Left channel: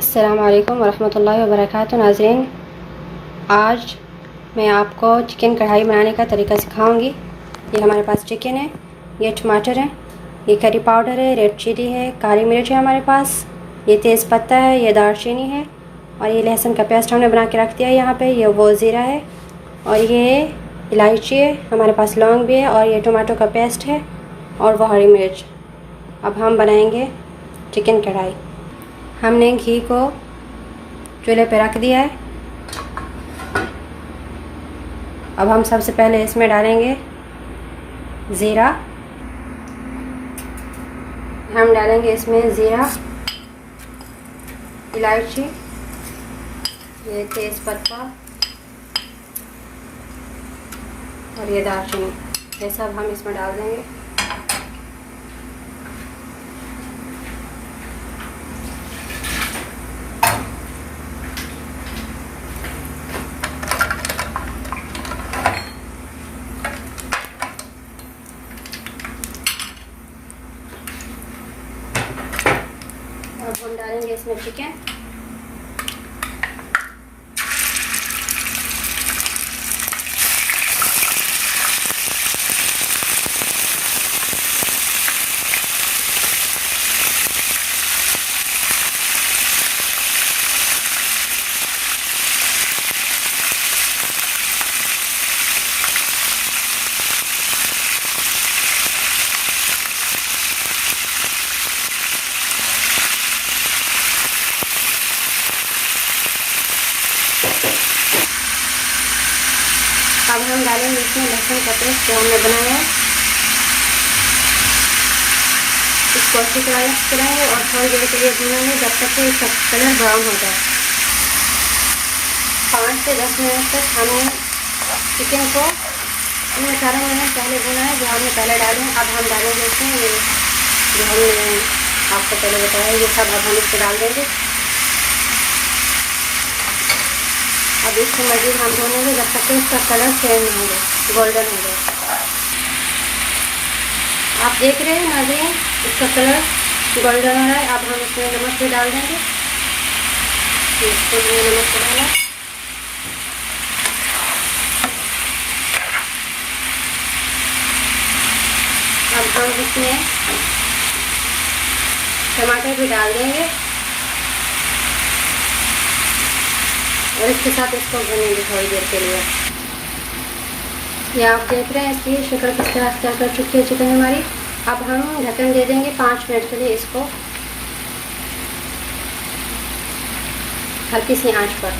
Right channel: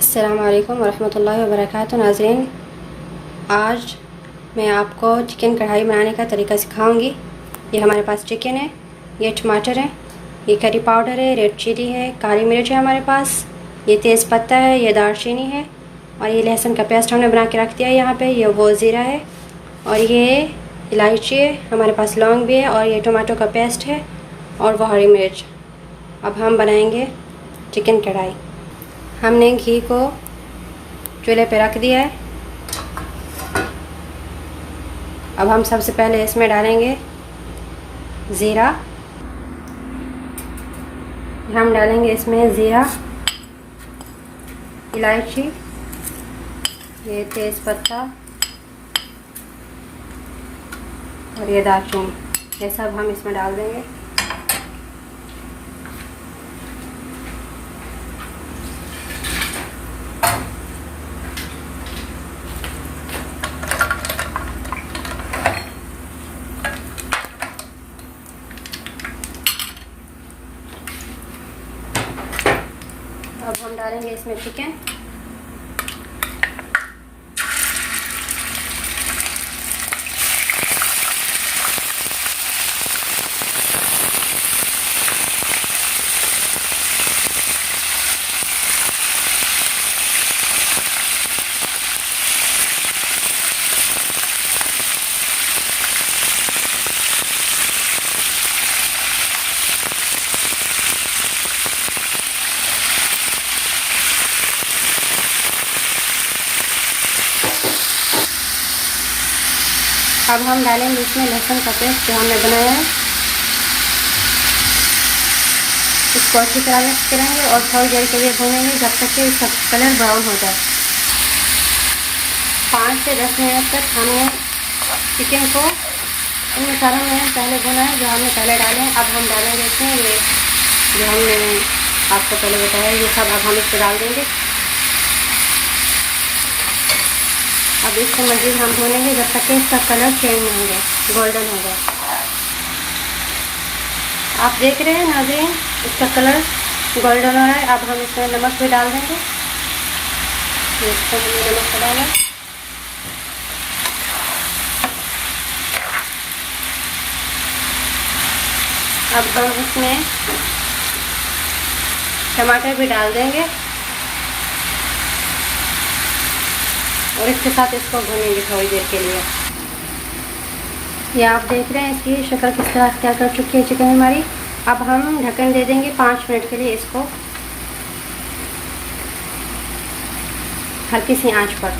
अस्सलामुअलैकुम वरहमतुल्लाहि वबरकातुहू। नाज़रीन, आज मैं आपको चिकन कढ़ाई बनाने का तरीका सिखाऊंगी। ये हमारे पास चिकन है, ये टमाटर है, ये करी पाउडर है, रेड चिली है, काली मिर्च है हमारे पास, ये तेज़ पत्ता है, ये दालचीनी है और ये लहसुन का पेस्ट हमने बना के रख दिया है यहाँ पे। ये वो ज़ीरा है और ये इलायची है, हमारे पास लौंग भी है और ये टमाटो का पेस्ट है और वो हरी मिर्च। अब हम बनाएंगे चिकन कढ़ाई। हमने घी को चूल्हे पे रख दिया है। अब हम सबसे पहले इसमें डालेंगे ज़ीरा। हम डालेंगे इसमें ज़ीरा, इलायची, ये तेज़ पत्ता और ये दालचीनी, ये सब हम इसमें डाल देंगे। अब हम डालेंगे इसमें चिकन। अब हम डालेंगे इसमें लहसुन का पेस्ट जो हमने बनाया है। इसको अच्छी तरह मिक्स करेंगे और थोड़ी देर के लिए भूनेंगे जब तक कि इसका कलर ब्राउन हो जाए। 5 से 10 मिनट तक हमने चिकन को इन मसालों में पहले भुना है जो हमने पहले डाले। अब हम डालेंगे इसमें ये जो हमने आपको पहले बताया, ये सब अब हम इसको डाल देंगे। अब इसको मज़ीद हम भूनेंगे जब तक कि इसका कलर चेंज हो जाए, गोल्डन हो जाए। आप देख रहे हैं नाज़रीन, इसका कलर गोल्डन हो रहा है। अब हम इसमें नमक भी डाल देंगे। इसको नमक डाला। अब हम इसमें टमाटर भी डाल देंगे और इसके साथ इसको भूनेंगे थोड़ी देर के लिए। ये आप देख रहे हैं इसकी शक्ल किस तरह क्या कर चुकी है चिकन हमारी। अब हम ढक्कन दे देंगे 5 मिनट के लिए इसको हल्की सी आंच पर।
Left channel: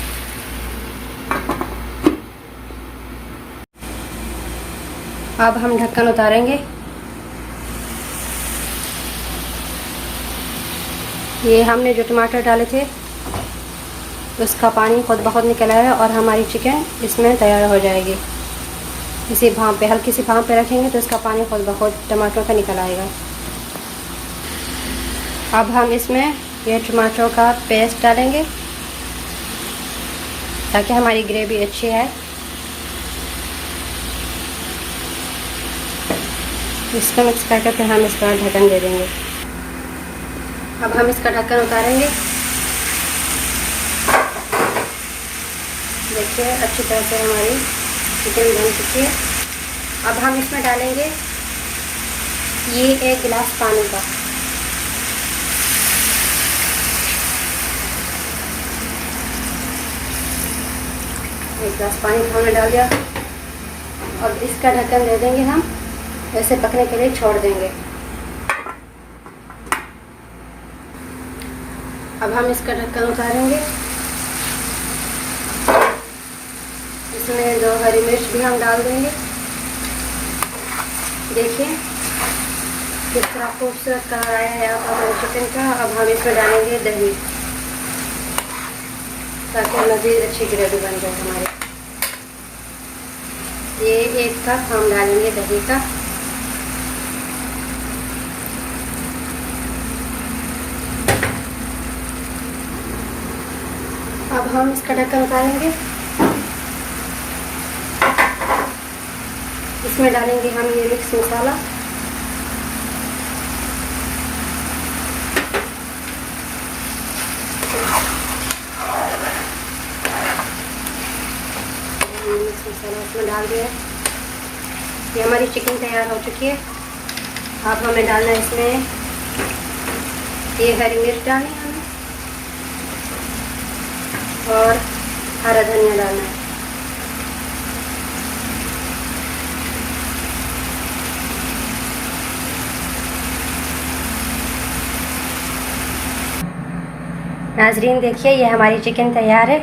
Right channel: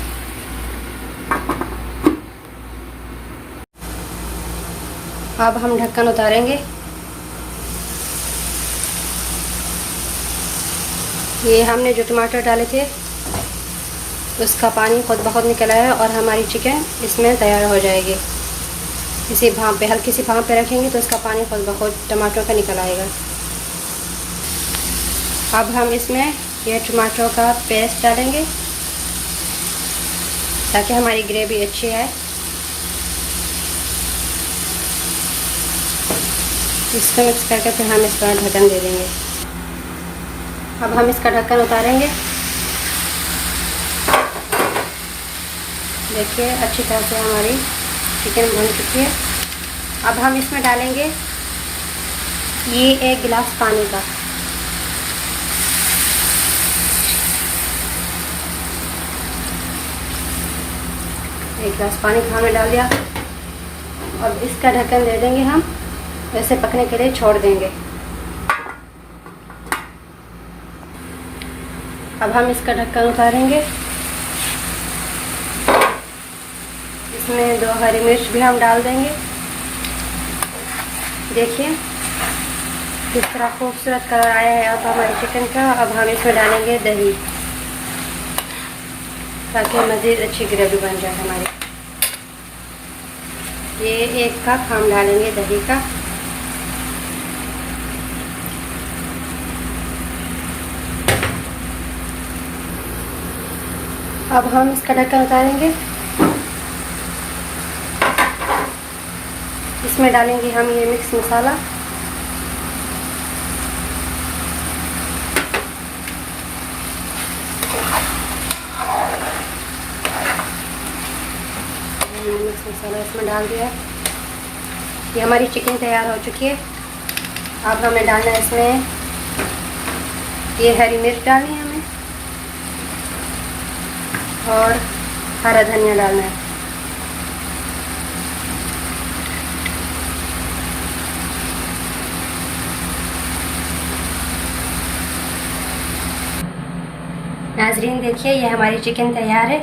अब हम ढक्कन उतारेंगे। ये हमने जो टमाटर डाले थे उसका पानी खुद ब खुद निकल आया और हमारी चिकन इसमें तैयार हो जाएगी। इसी भाप पे, हल्की सी भाप पे रखेंगे तो इसका पानी खुद ब खुद टमाटरों का निकल आएगा। अब हम इसमें ये टमाटरों का पेस्ट डालेंगे ताकि हमारी ग्रेवी अच्छी आए। इसको मिक्स करके फिर हम इसका ढक्कन दे देंगे। अब हम इसका ढक्कन उतारेंगे। देखिए अच्छी तरह से हमारी चिकन बन चुकी है। अब हम इसमें डालेंगे ये 1 गिलास पानी का। एक गिलास पानी हमने डाल दिया। अब इसका ढक्कन दे देंगे हम, वैसे पकने के लिए छोड़ देंगे। अब हम इसका ढक्कन उतारेंगे। इसमें 2 हरी मिर्च भी हम डाल देंगे। देखिए किस तरह खूबसूरत कलर आया है अब हमारे चिकन का। अब हम इसमें डालेंगे दही ताकि मज़ीद अच्छी ग्रेवी बन जाए हमारी। ये 1 कप हम डालेंगे दही का। अब हम इसका ढक्कन उतारेंगे। इसमें डालेंगे हम ये मिक्स मसाला। मिक्स मसाला इसमें डाल दिया। ये हमारी चिकन तैयार हो चुकी है। अब हमें डालना है इसमें ये हरी मिर्च डालनी है हमें और हरा धनिया डालना है। नाजरीन देखिए ये हमारी चिकन तैयार है।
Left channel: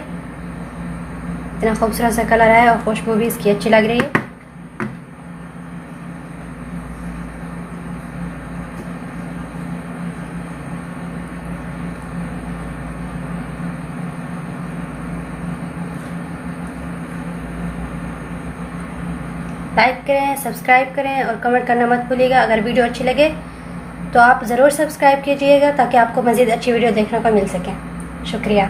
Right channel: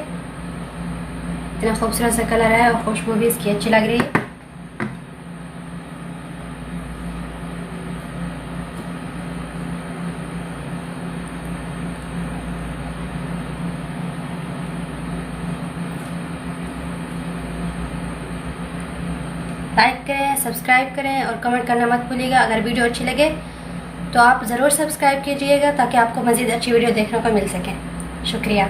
इतना खूबसूरत सा कलर है और खुशबू भी इसकी अच्छी लग रही है। लाइक करें, सब्सक्राइब करें और कमेंट करना मत भूलिएगा। अगर वीडियो अच्छी लगे तो आप ज़रूर सब्सक्राइब कीजिएगा ताकि आपको मज़ीद अच्छी वीडियो देखने को मिल सके। शुक्रिया।